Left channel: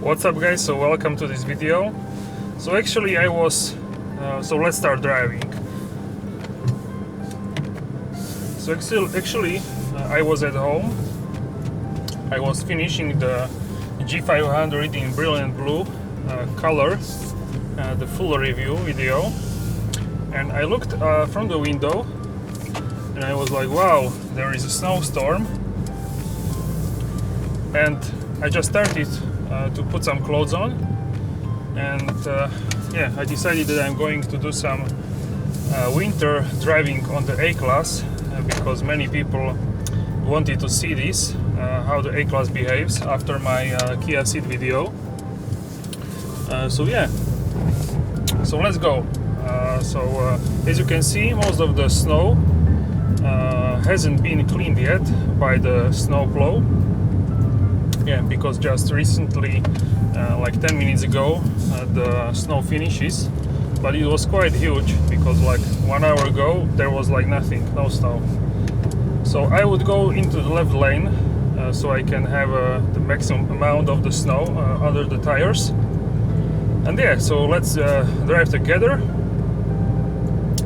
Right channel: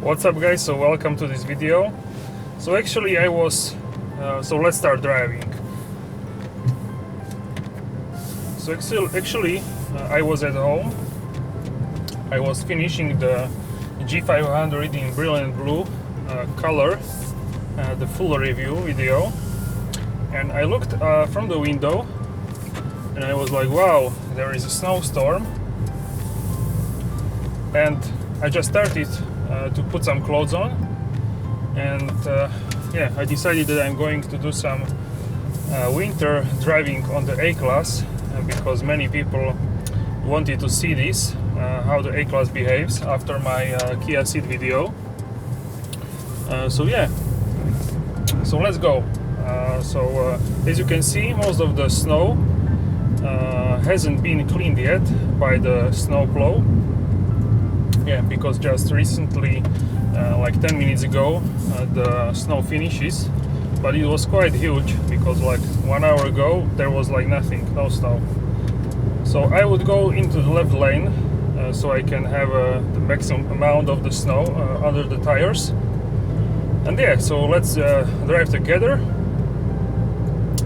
What's up guys, so welcome to this video. So actually let's start driving. So actually I was at home. I was finishing the G500 in brilliant blue color, the full review video, and I looked from the window and I was like, wow, there is a snowstorm. And I just started to put some clothes on, and I decided that I'm going to do some winter driving on the A-Class because many people wanted to see this, how the A-Class behaves after my Kia Ceed video. So let's go. As you can see, most of the snow hasn't been cleaned yet by the snowplow. Yeah, because just recently, like 10 minutes ago, the snow finishes, but it was quite huge because like 1 hour ago there was like nothing, no snow. So I would go into the left lane so I can have the maximum amount of the snow under the tires. And yeah, so let's drive together,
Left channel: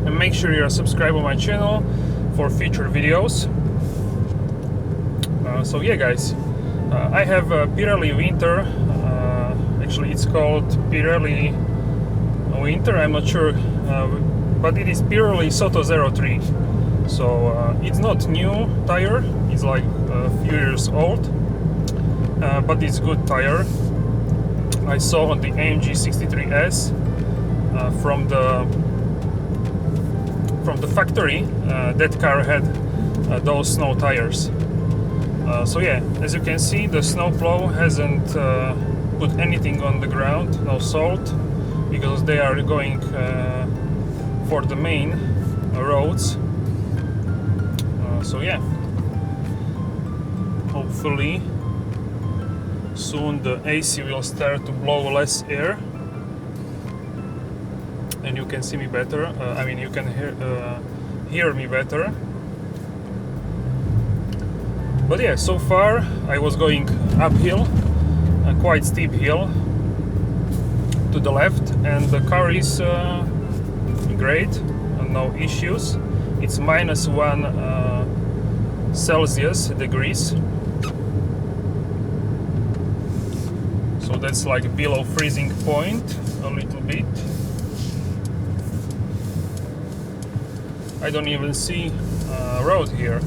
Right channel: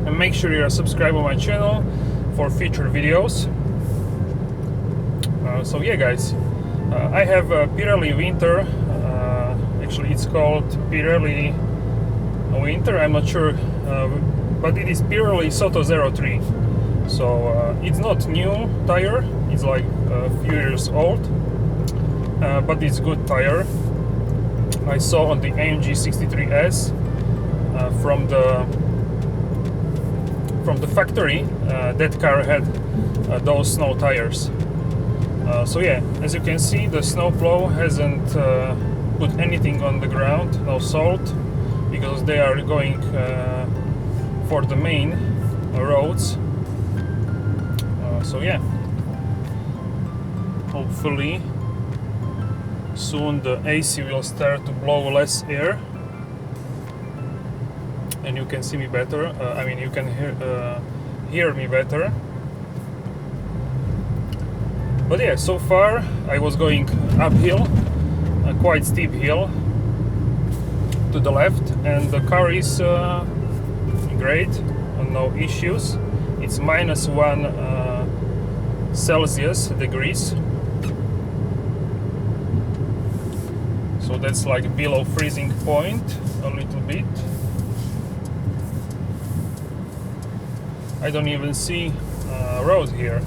and make sure you're subscribed on my channel for future videos. So yeah guys, I have a Pirelli Winter, actually it's called Pirelli Winter, I'm not sure, but it is Pirelli Soto 03. So it's not new tire, it's like a few years old, but it's good tire. I saw on the AMG 63S from the factory, that car had those snow tires. So yeah, as you can see, the snowplow hasn't put anything on the ground, no salt, because they are going for the main roads. So yeah, hopefully soon the AC will start to blow less air and you can see me better. I mean, you can hear me better. But yeah, so far I was going uphill, a quite steep hill to the left, and the car is great, no issues. It's -1 Celsius degrees, so that's like below freezing point a little bit. I don't even see road here.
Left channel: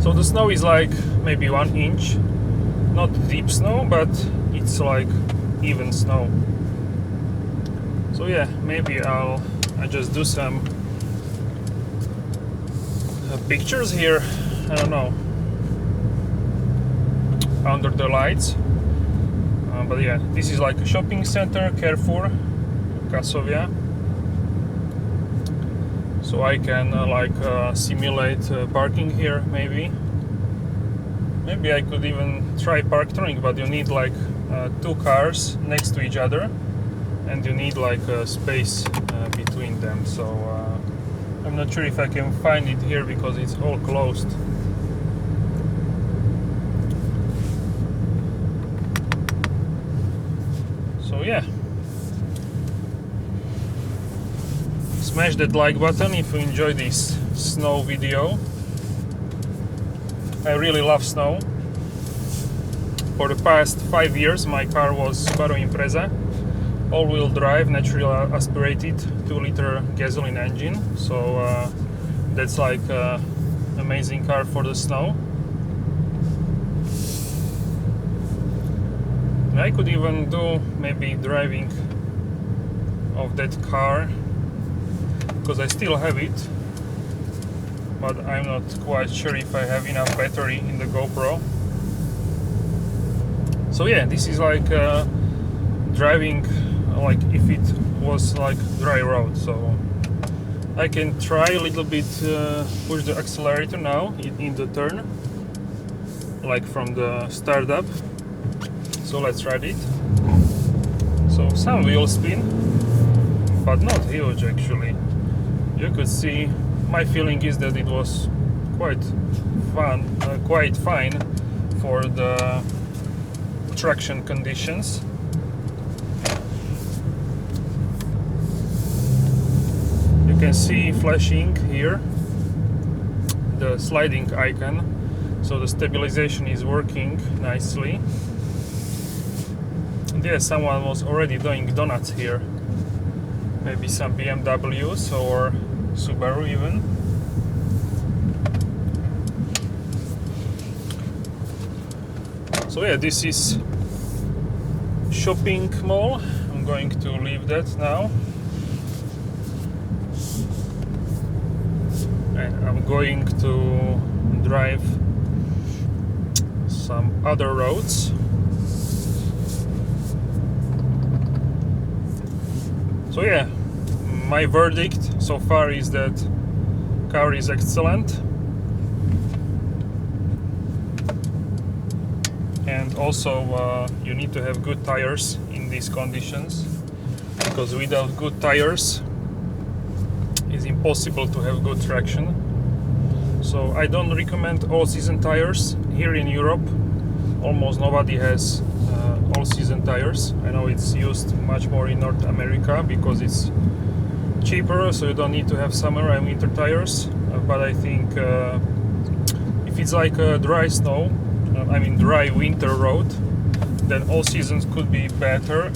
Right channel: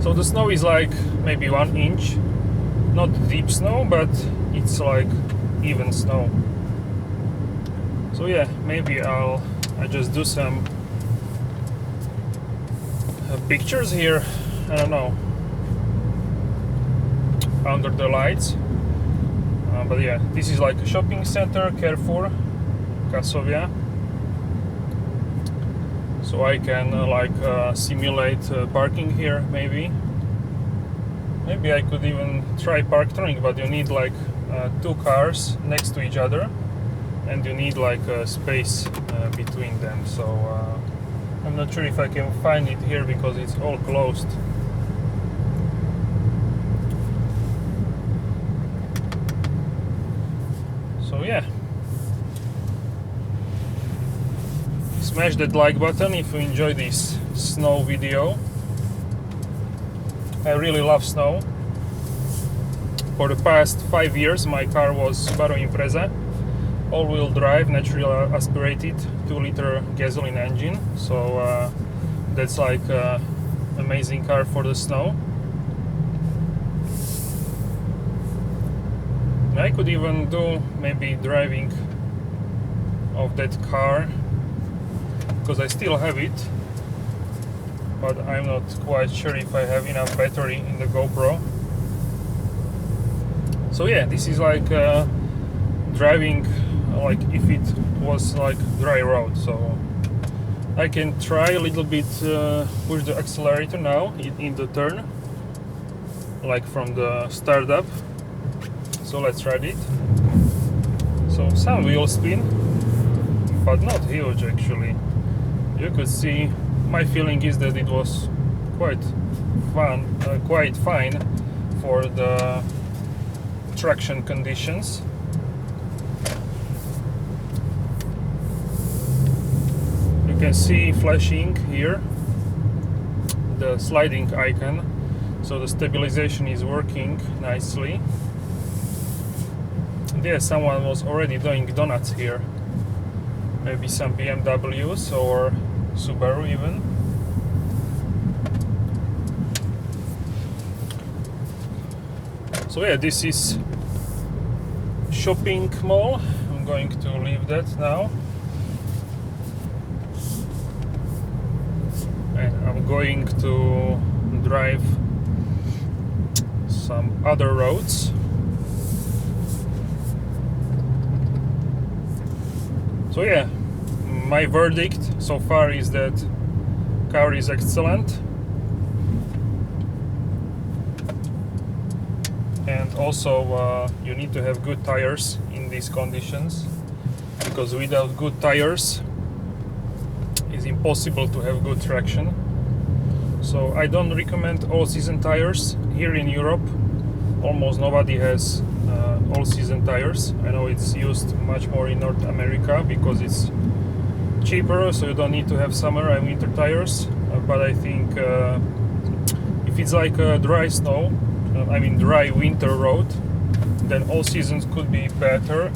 So the snow is like maybe 1 inch, not deep snow, but it's like even snow. So yeah, maybe I just do some pictures here, I don't know, under the lights. But yeah, this is like a shopping center, Carrefour, Kasovia. So I can simulate parking here, maybe. Maybe I could even try park-tronic, but you need like 2 cars next to each other, and you need like a space between them. So I'm not sure if I can find it here because it's all closed. So yeah. Smash that like button if you enjoy this snow video. I really love snow. For the past 5 years my car was Subaru Impreza, all-wheel drive, naturally aspirated 2-liter gasoline engine. So that's like amazing car for the snow. I could even do maybe driving of that car, because I still have it, but I'm not quite sure if I have enough battery in the GoPro. So yeah, this is like driving like if it was like dry road. So I can try a little bit push the accelerator now in the turn, like from the start up. So let's try it. So some wheel spin, but not huge actually. You could see, my feeling is that it was quite fine for the traction conditions. You can see flashing here the sliding icon, so the stabilization is working nicely. And yeah, someone was already doing donuts here, maybe some BMWs or Subaru even. So yeah, this is shopping mall. I'm going to leave that now, and I'm going to drive some other roads. So yeah, my verdict so far is that car is excellent, and also you need to have good tires in these conditions, because without good tires it's impossible to have good traction. So I don't recommend all-season tires. Here in Europe almost nobody has all-season tires. I know it's used much more in North America because it's cheaper, so you don't need to have summer and winter tires. But I think if it's like a dry snow, dry winter road, then all seasons could be better.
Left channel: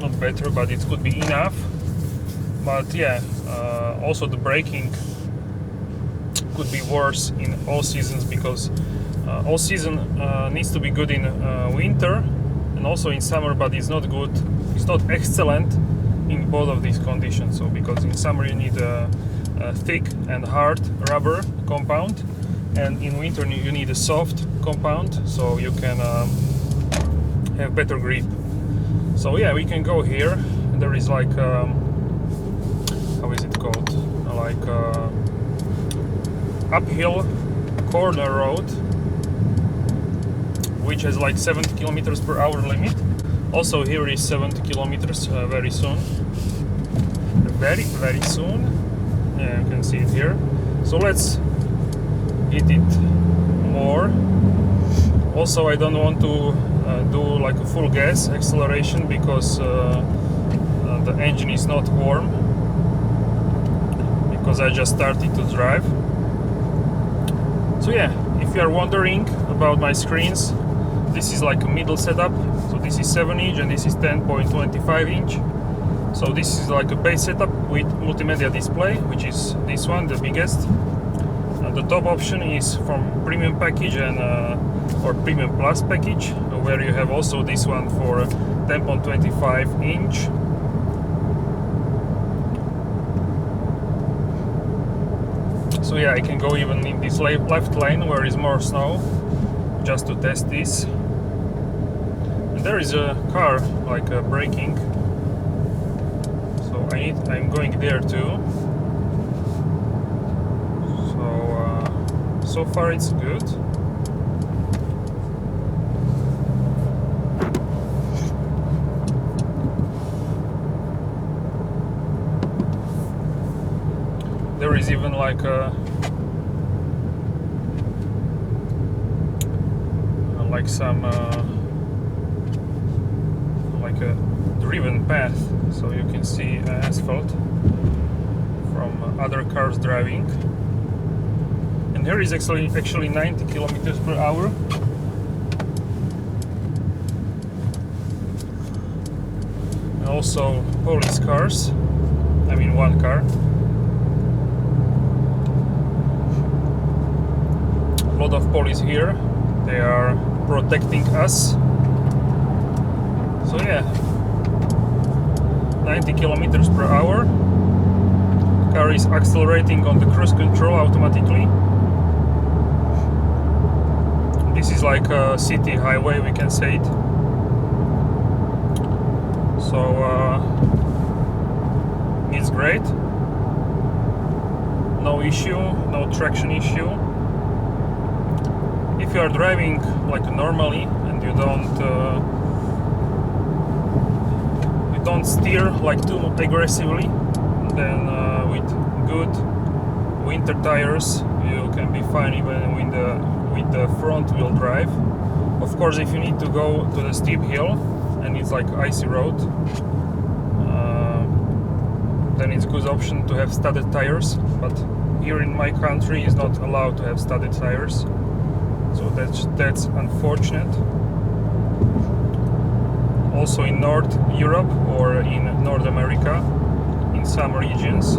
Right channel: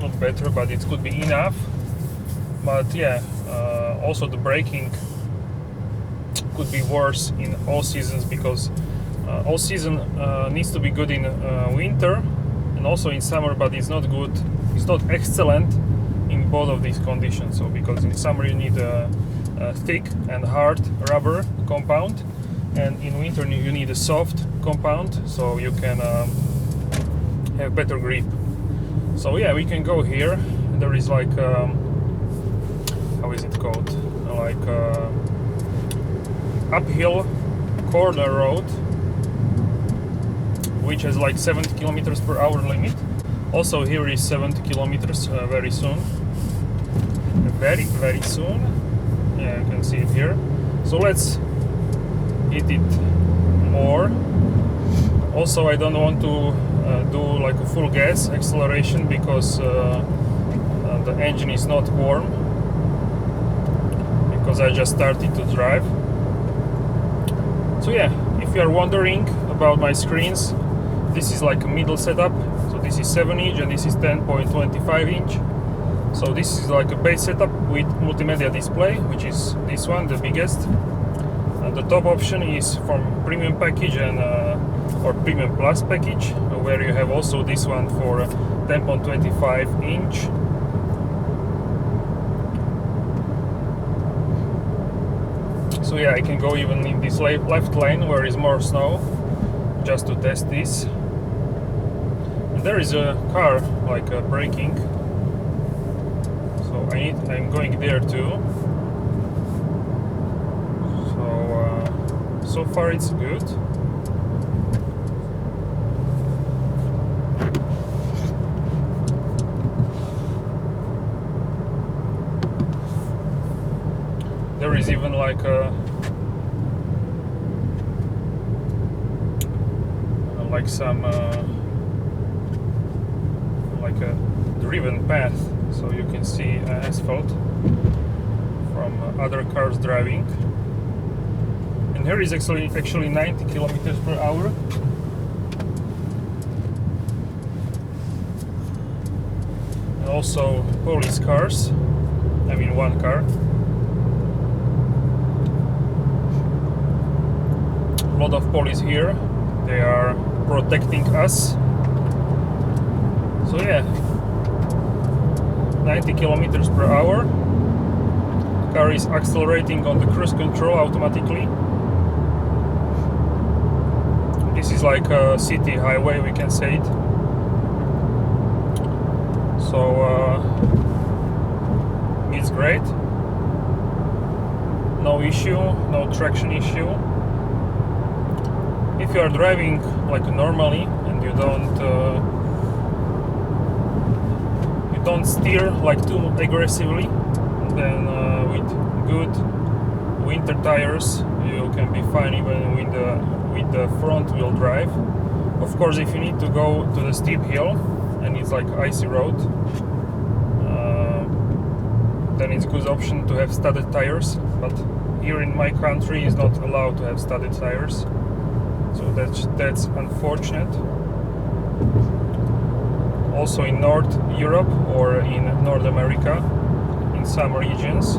Not better, but it could be enough. But yeah, also the braking could be worse in all seasons, because all season needs to be good in winter and also in summer, but it's not good, it's not excellent in both of these conditions. So because in summer you need a thick and hard rubber compound, and in winter you need a soft compound, so you can have better grip. So yeah, we can go here. There is like how is it called, like uphill corner road, which has like 70 kilometers per hour limit. Also here is 70 kilometers very soon, very soon. Yeah, you can see it here. So let's hit it more. Also, I don't want to do like a full gas acceleration, because the engine is not warm, because I just started to drive. So yeah, if you are wondering about my screens, this is like a middle setup. So this is 7-inch and this is 10.25 inch. So this is like a base setup with multimedia display, which is this one, the biggest. And the top option is from premium package and or premium plus package, where you have also this one for 10.25 inch. So yeah, I can go even in this left lane where is more snow, just to test this. And there is a car like braking, so I'm going there too. So far it's good. There is even like some like a driven path, so you can see asphalt from other cars driving. And here is actually 90 kilometers per hour. And also police cars, one car. A lot of police here, they are protecting us. So yeah, 90 kilometers per hour. Car is accelerating on the cruise control automatically. This is like a city highway, we can say it. So it's great. No issue, no traction issue. If you are driving like normally and you don't steer like too aggressively, then with good winter tires you can be fine even with the front wheel drive. Of course, if you need to go to the steep hill and it's like icy road, then it's a good option to have studded tires, but here in my country is not allowed to have studded tires, so that's unfortunate. Also in North Europe or in North America, in some regions.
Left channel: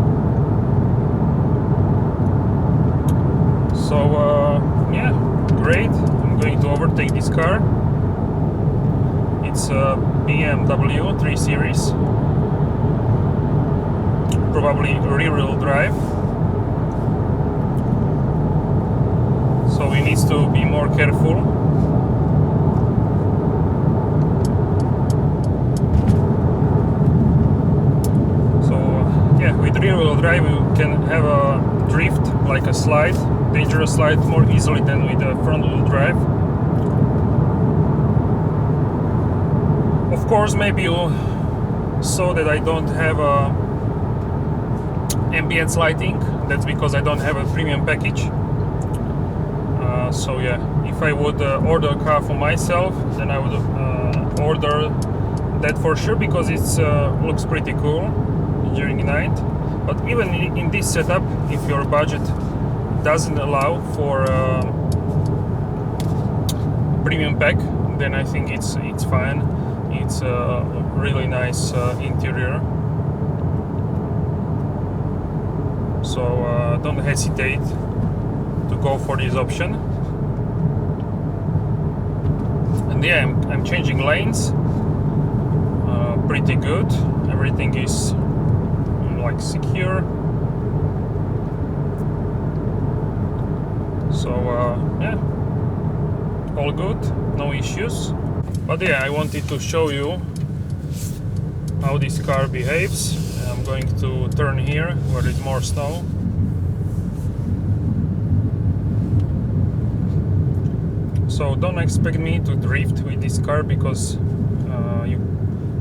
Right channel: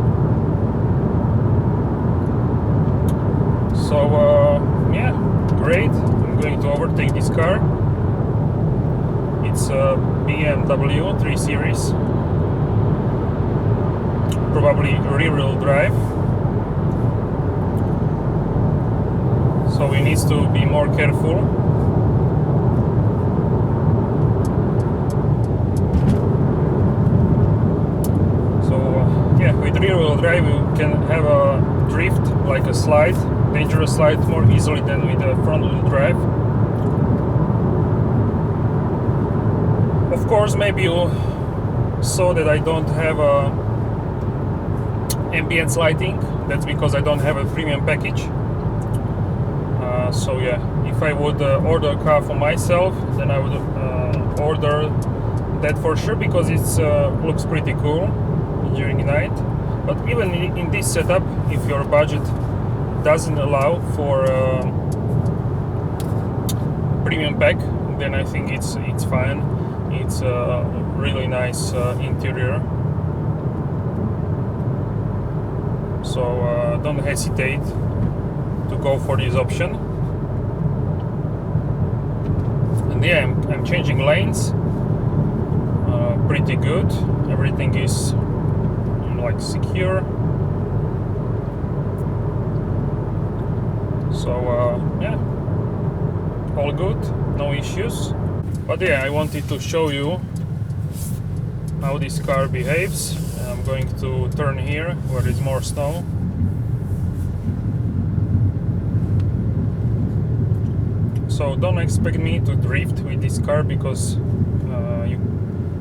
So yeah, great. I'm going to overtake this car. It's a BMW 3 Series, probably rear-wheel drive, so we need to be more careful. So yeah, with rear-wheel drive you can have a drift, like a slide, dangerous slide, more easily than with a front-wheel drive. Of course, maybe you saw that I don't have a ambient lighting. That's because I don't have a premium package. So yeah, if I would order a car for myself, then I would order that for sure, because it looks pretty cool during the night. But even in this setup, if your budget doesn't allow for premium pack, then I think it's fine. It's a really nice interior. So don't hesitate to go for this option. And yeah, I'm changing lanes. Pretty good. Everything is like secure. So yeah, all good, no issues. But yeah, I wanted to show you how this car behaves. I'm going to turn here where there's more snow. So don't expect me to drift with this car, because you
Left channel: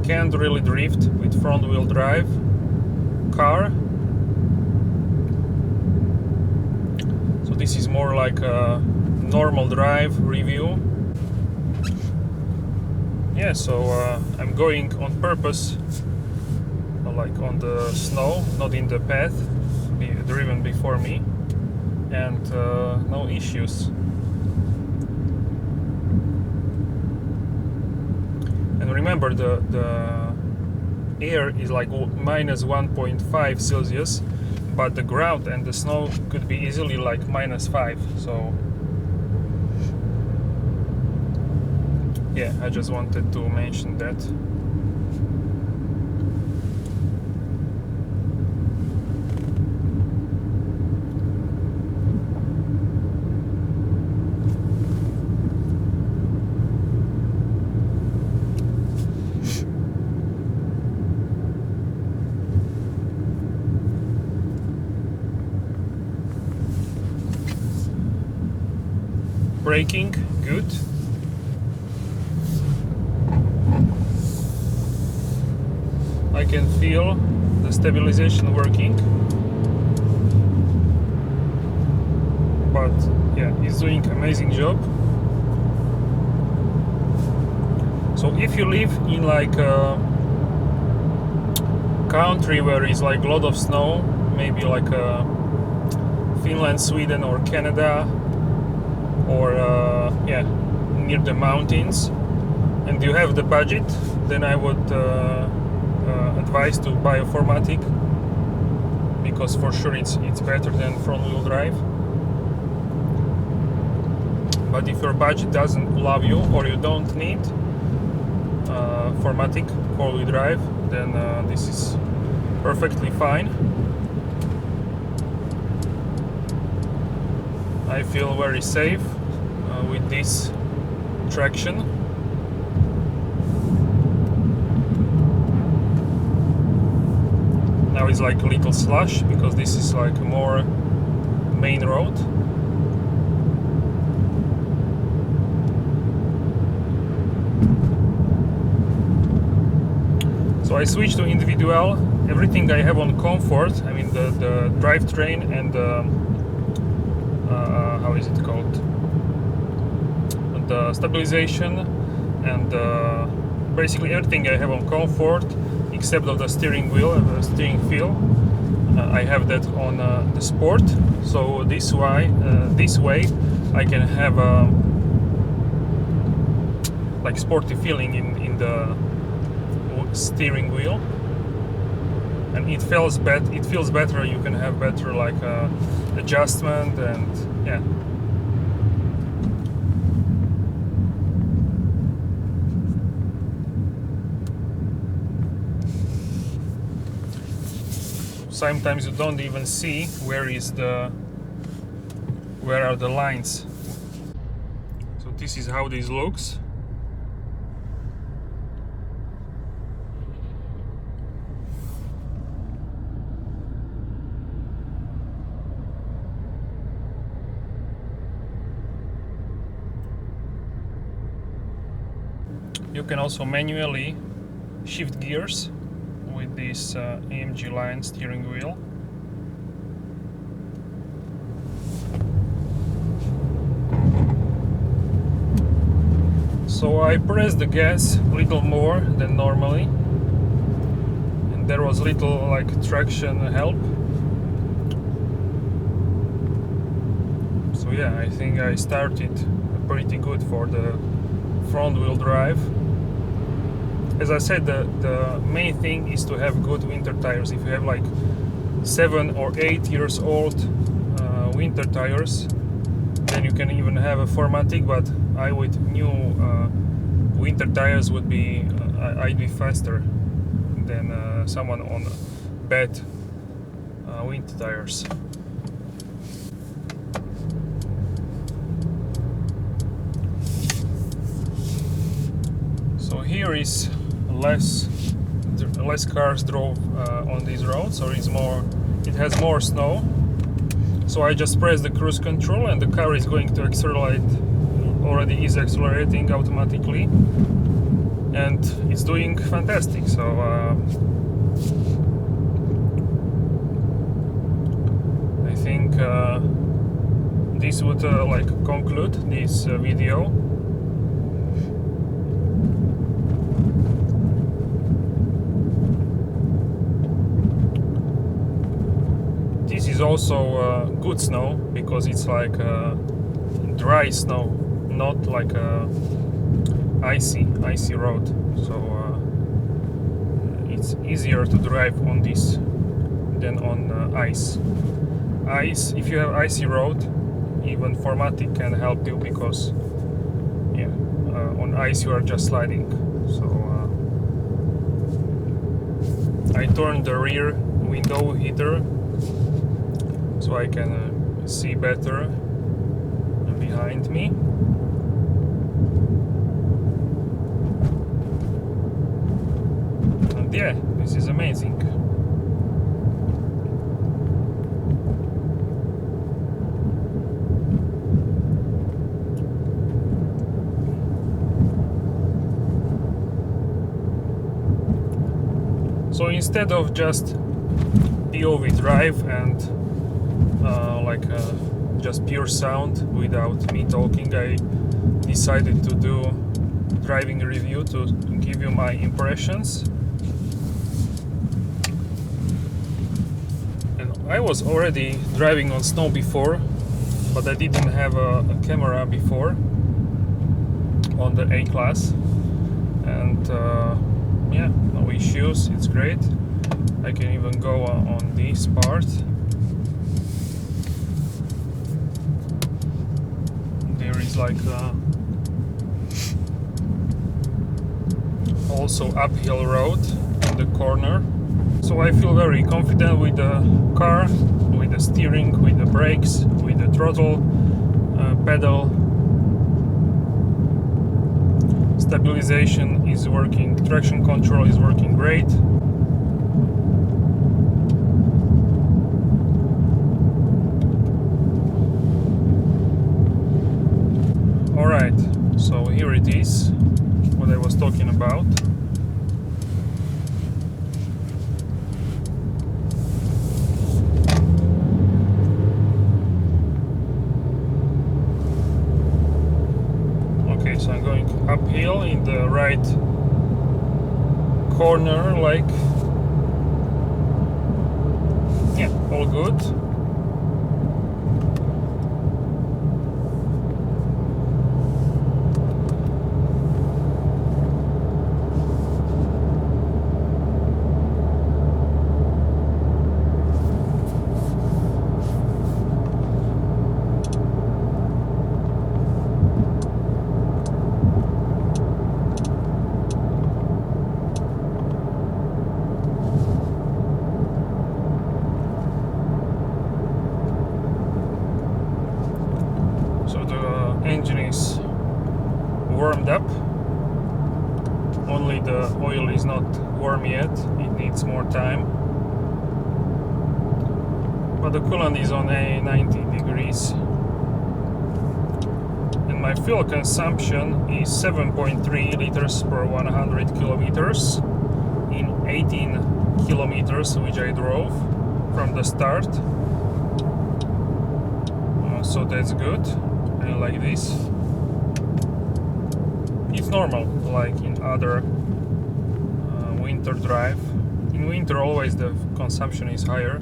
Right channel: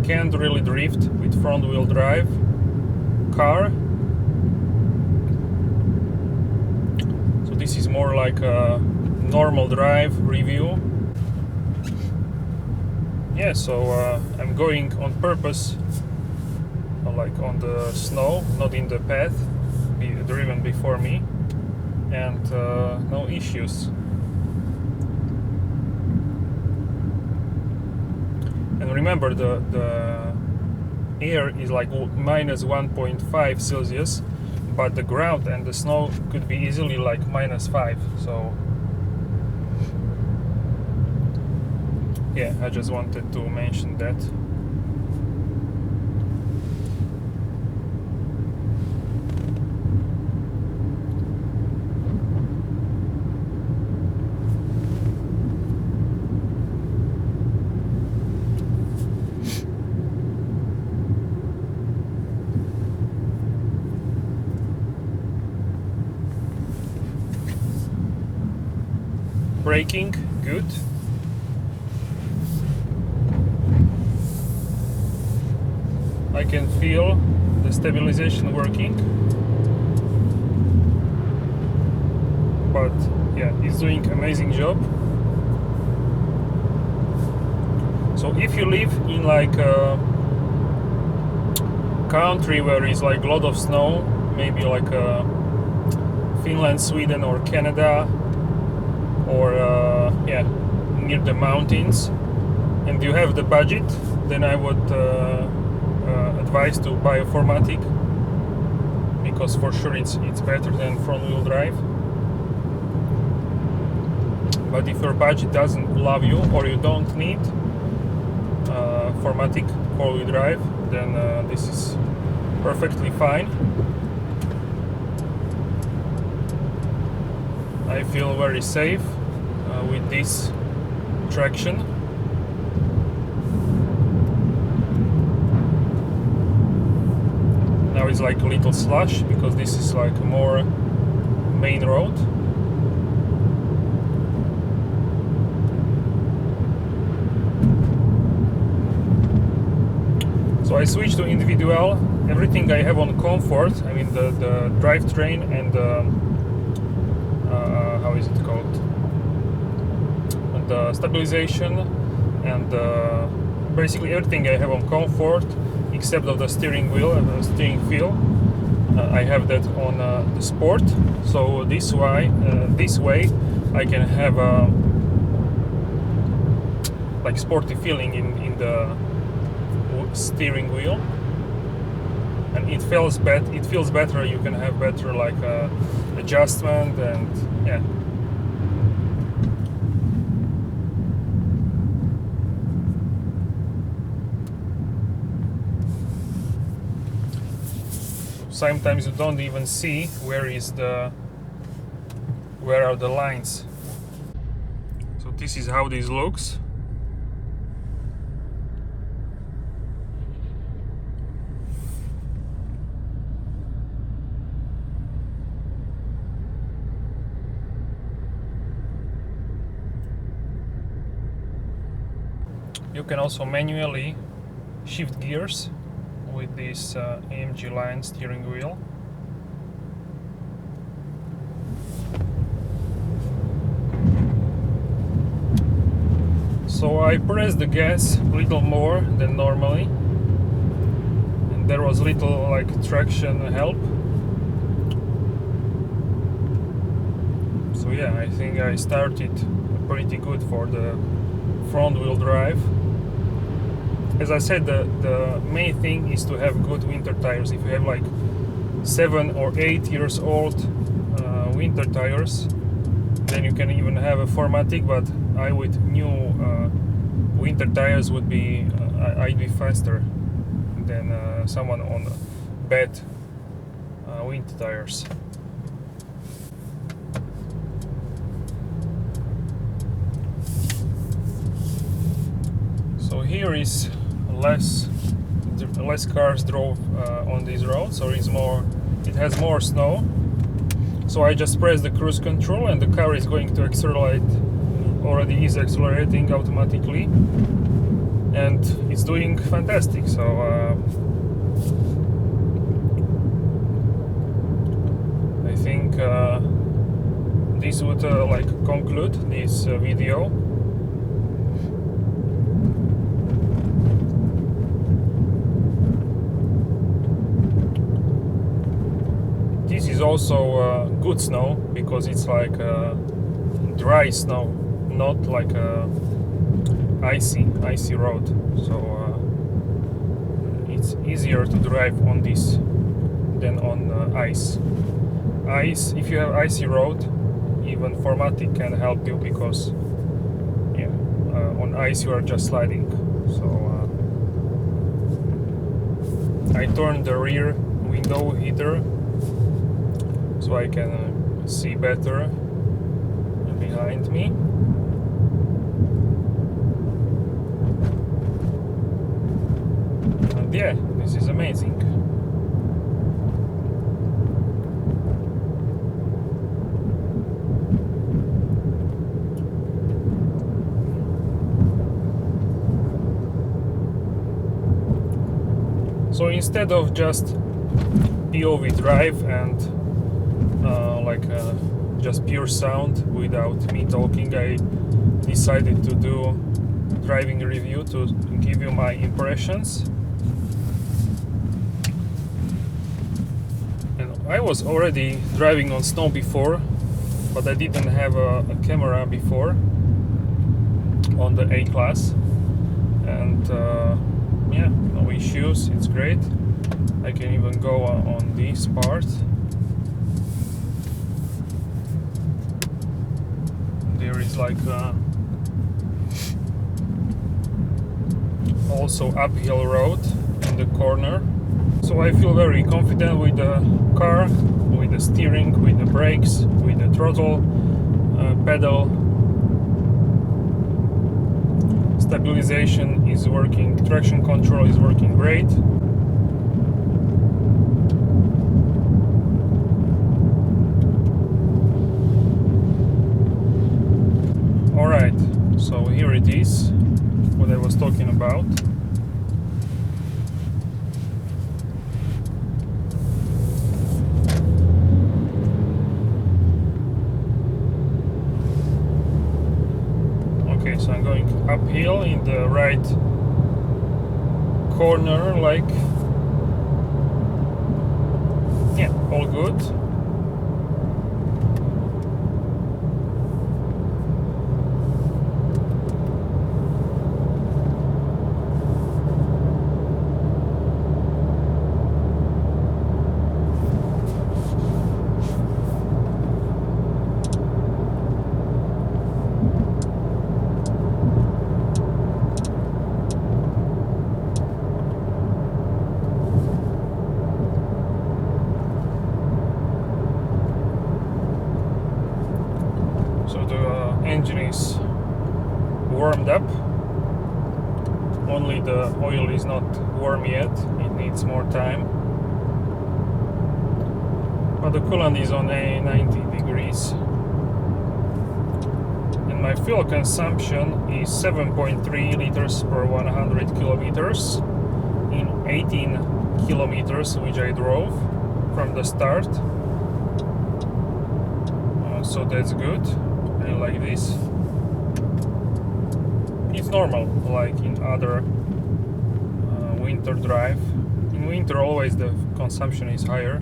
can't really drift with front-wheel drive car. So this is more like a normal drive review. Yeah, so I'm going on purpose, like on the snow, not in the path, driven before me, and no issues. And remember, the air is like minus 1.5 Celsius, but the ground and the snow could be easily like minus 5. So yeah, I just wanted to mention that. Braking, good. I can feel the stabilization working. But yeah, it's doing amazing job. So if you live in like a country where it's like a lot of snow, maybe like Finland, Sweden or Canada, or yeah, near the mountains, and you have the budget, then I would advise to buy a 4MATIC, because for sure it's better than front-wheel drive. But if your budget doesn't allow you, or you don't need 4MATIC four-wheel drive, then this is perfectly fine. I feel very safe with this traction. Now it's like a little slush, because this is like a more main road. So I switched to individual. Everything I have on comfort, I mean the drivetrain and how is it called? have the stabilization and basically everything I have on comfort except of the steering wheel and the steering feel. I have that on the sport, so this way I can have a like sporty feeling in the steering wheel, and it feels better. You can have better like adjustment, and yeah. Sometimes you don't even see where are the lines. So this is how this looks. You can also manually shift gears with this AMG line steering wheel. So I pressed the gas a little more than normally, and there was little like traction help. So yeah, I think I started pretty good for the front wheel drive. As I said, the main thing is to have good winter tires. If you have like 7 or 8 years old winter tires, then you can even have a 4MATIC, but I with new winter tires would be I'd be faster than someone on bad winter tires. So here is less cars drove on this road, so it has more snow. So I just press the cruise control and the car is going to accelerate, already is accelerating automatically, and it's doing fantastic. So I think this would like conclude this video. This is also good snow because it's like dry snow, not like a icy road. So it's easier to drive on this than on ice. If you have icy road, even 4MATIC can help you because yeah, on ice you are just sliding. So I turned the rear window heater so I can see better behind me. And yeah, this is amazing. So instead of just POV drive and just pure sound without me talking, I decided to do driving review to give you my impressions. And I was already driving on snow before, but I didn't have a camera before on the A-Class, and yeah, no issues, it's great. I can even go on this part. There is like also uphill road in the corner. So I feel very confident with the car, with the steering, with the brakes, with the throttle pedal. Stabilization is working, traction control is working great. Alright, so here it is, what I was talking about. Okay, so I'm going uphill in the right corner, like, yeah, all good. So the engine is warmed up, only the oil is not warm yet, it needs more time. But the coolant is on a 90 degrees. And my fuel consumption is 7.3 liters per 100 kilometers in 18 kilometers which I drove from the start. So that's good. I like this. It's normal, like in other winter drive. In winter always the consumption is higher.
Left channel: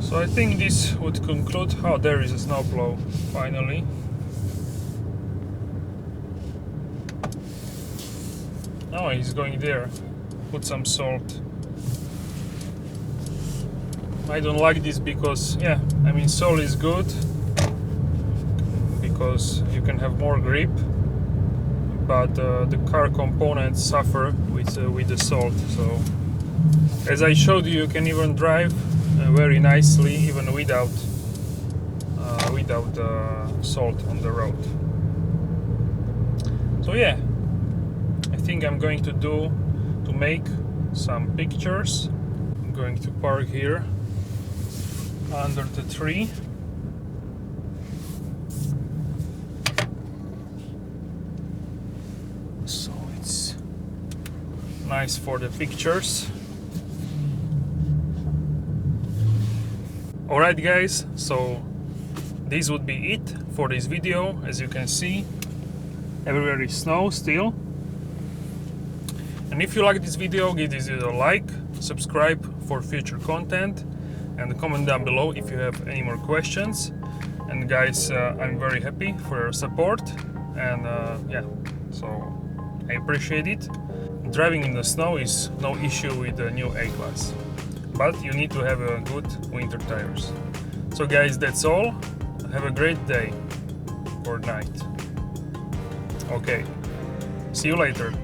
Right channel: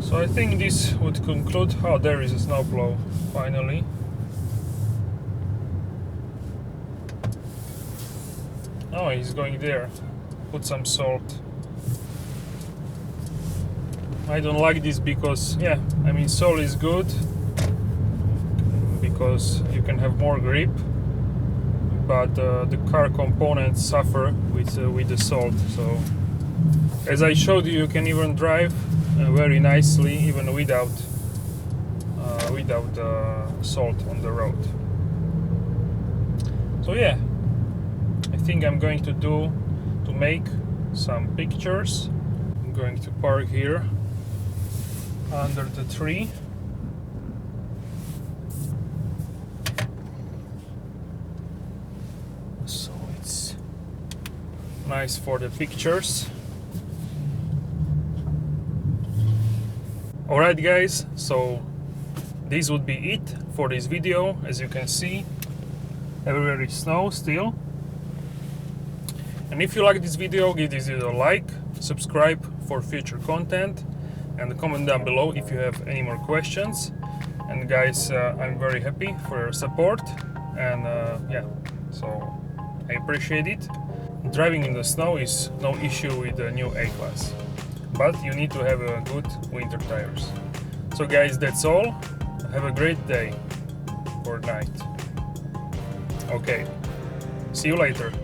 So I think this would conclude. Oh, there is a snowplow finally. Oh, he's going there. Put some salt. I don't like this because, yeah, I mean, salt is good because you can have more grip, but the car components suffer with the salt. So, as I showed you, you can even drive very nicely even without salt on the road. So yeah, I think I'm going to make some pictures. I'm going to park here under the tree. So it's nice for the pictures. Alright guys, so this would be it for this video. As you can see, everywhere is snow still. And if you like this video, give this video a like, subscribe for future content, and comment down below if you have any more questions. And guys, I'm very happy for your support, and yeah, so I appreciate it. Driving in the snow is no issue with the new A-Class, but you need to have a good winter tires. So guys, that's all. Have a great day or night. Okay, see you later.